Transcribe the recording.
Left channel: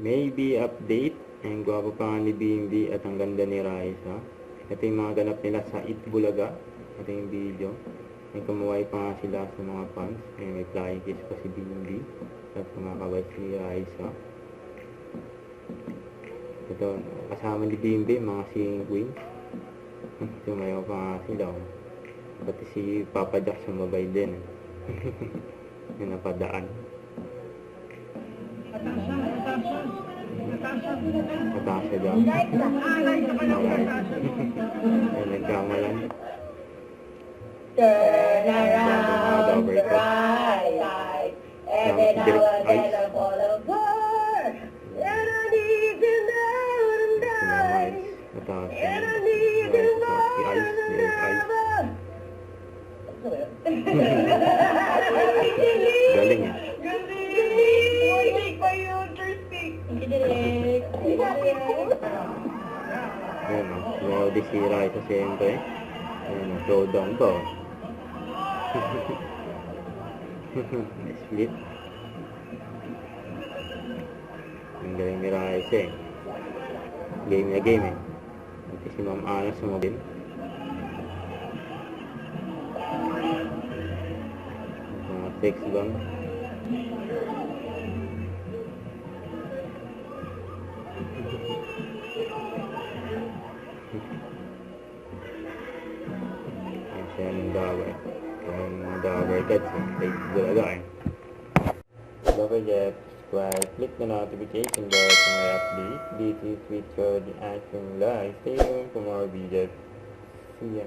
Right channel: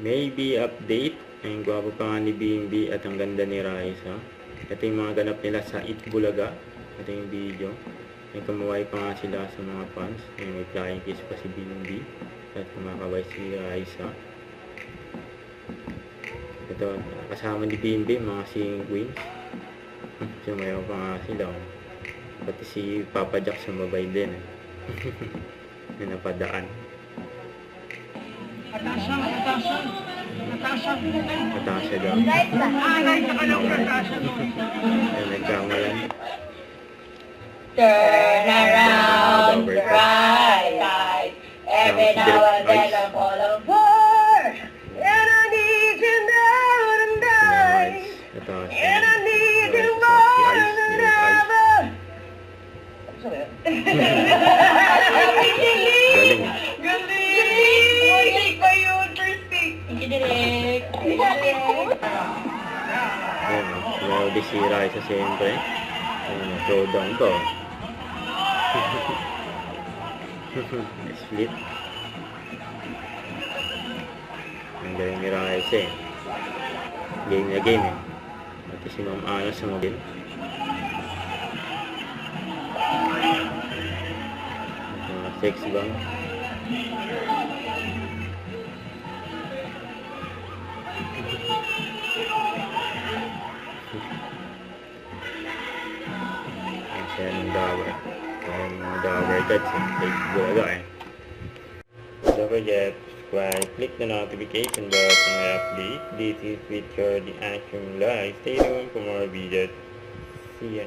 Maybe update. Ayun, gwapo pa nga ni BNB at ang ganda ni Raisa. Ito yung mga ganap nila sa Itbulaga. Ito yung video. May kamuway pa nga sila sa mga fans. Ayun, may flying kiss pa si BNB. At kumakaway si Raisa. Ito, kasama ni BNB, mga singing queens. Sumayaw pa nga sila. Pati si Papa Jack sumabay din. May napadaan. Natasha daw. Ay, nagkamalan. Turn around, right. Every now and then I'm all over. And I need you now tonight. And I need you more than ever. Galing. Galing pa yun, Christy. Direk. Ayan, grabe si Raisa siyempre. Ayan, showdown to. Split. Ang galing ni Raisa eh. Game na game eh. At si Ma'am Ana sumabil. Sex bang? Ayan ang dagger. Ayan ang dagger guys. Take bulaga eh. Don't forget to subscribe, click the notification bell for my update. This is with your The Action Live. Stay tuned for more videos. See ya.